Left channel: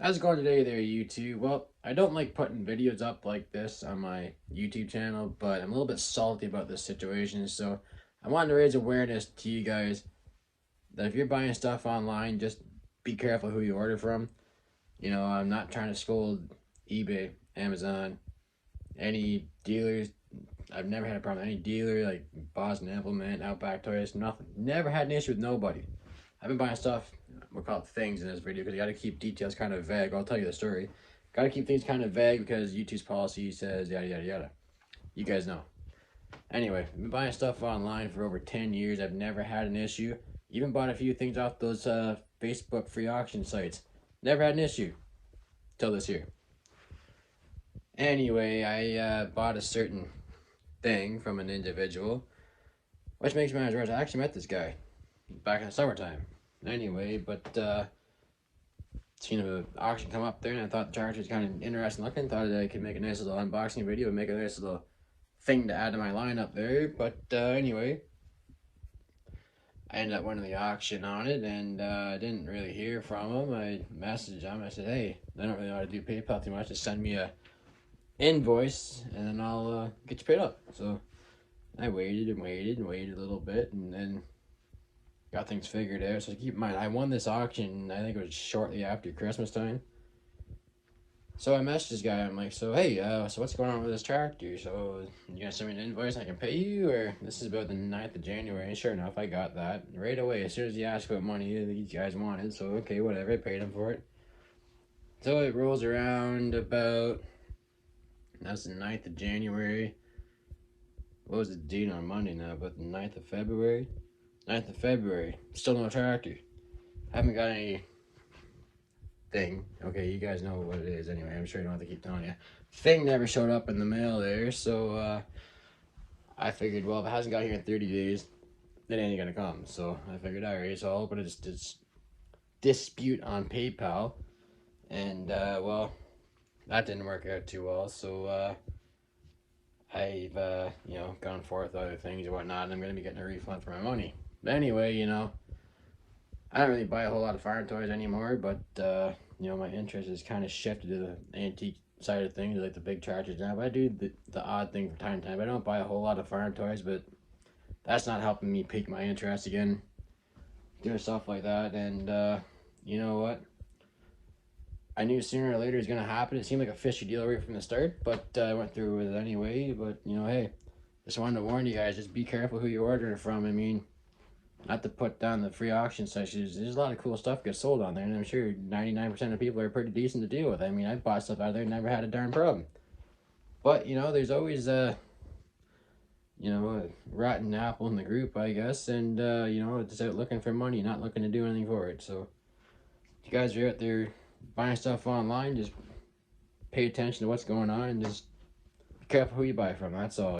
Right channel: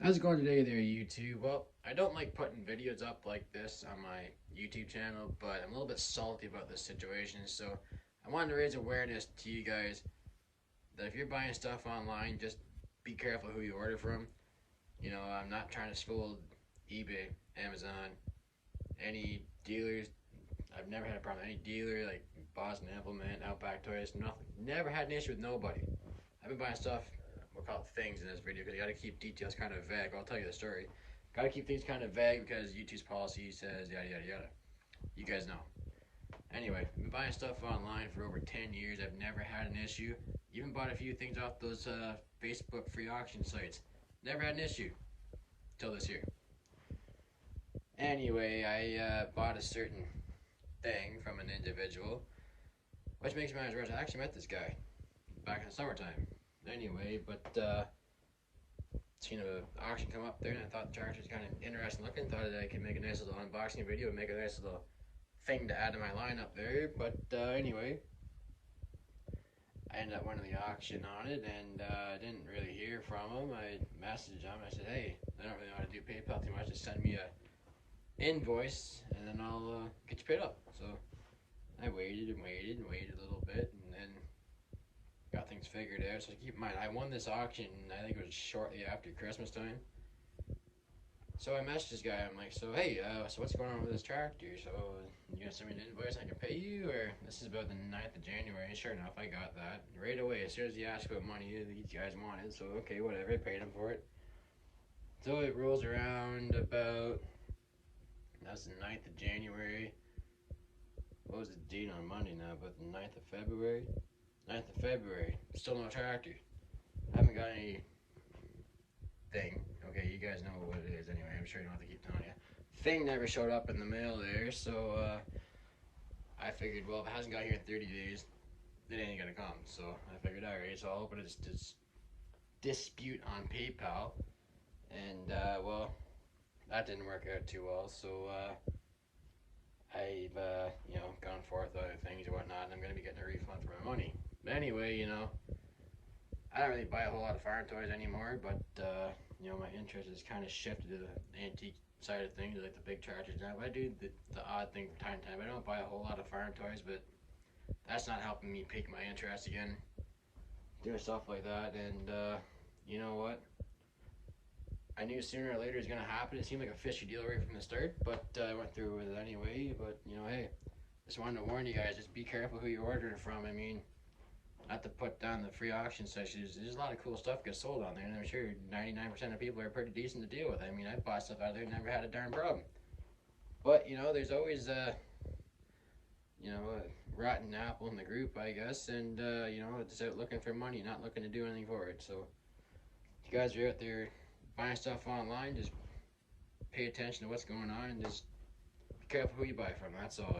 How's it going today there, YouTube? Well, I don't like putting videos up like this on my YouTube channel, but I'm a little bit salty about this situation, so I wanted to raise awareness to you guys that if you're buying stuff online, just be careful who you order from. I'm not trying to scold eBay, Amazon, any dealers. I've never had a problem with any dealer, like Boston Implement, Outback Toys, nothing. Never had an issue with nobody. I've been buying stuff, we'll call it things in this video, because you gotta keep details kind of vague. I'll tell you the story. Gotta keep things kind of vague because YouTube's policy says yada yada yada. You guys know. Anyway, I've been buying stuff online for over 10 years. I've never had an issue. Even bought a few things off those Facebook free auction sites. Never had an issue. Till this year. Anyway, I bought a certain thing from an individual, which makes me worse. I actually met this guy back in the summertime. Anyway, but seen an auction come up there, and I thought the charger was kind of interesting looking. Thought I could make a nice little unboxing video and make a nice little thing to add to my lineup there. But anyway, I ended up winning the auction on it, and I didn't really hear from him. I messaged him. I said, "Hey, I don't really know how to do PayPal too much. Just send me a invoice, and then I'll get you paid up." So I waited and waited and waited a little bit, and then got things figured out. So keep in mind, I won this auction, I think it was shortly after Christmas time. So I messaged this guy, I'm like, so hey, so what's going on with this tractor? So you gonna send me an invoice I can pay you? Or this is about the 9th of January. And sure enough, I got that right away. As soon as he asked about money, these guys wanted, so okay, whatever, I paid him for it. So it rolls around about, that's the 9th of January. What was the date on Monday now? About the 9th of February? 9th of February. Still no tractor. Haven't got any thing. Okay, you guys know what it is anyway. I'm sure you don't have to keep telling you. Thing never showed up in the mail there, so I figured, well, if it hasn't got here in 30 days, it ain't gonna come. So I figured, alright, so I'll open this dispute on PayPal. And, well, that didn't work out too well, so I've, gone forth with other things and whatnot, and I'm gonna be getting a refund for my money. But anyway, I don't really buy a whole lot of farm toys anymore, but my interest has kind of shifted to the antique side of things, like the big tractors now. But I do the odd thing from time to time. I don't buy a whole lot of farm toys, but that's not helping me pique my interest again, doing stuff like that. And you know what? I knew sooner or later it was gonna happen. It seemed like a fishy deal right from the start, but I went through with it anyway. But hey, just wanted to warn you guys: just be careful who you're ordering from. I mean, not to put down the free auction sessions, there's a lot of cool stuff gets sold on there, and I'm sure 99% of people are pretty decent to deal with. I mean, I've bought stuff out of there, never had a darn problem. But, there's always a rotten apple in the group, I guess, and, it's out looking for money, not looking to do anything for it. So, if you guys are out there buying stuff online, just pay attention to what's going on, and just be careful who you buy from, that's all.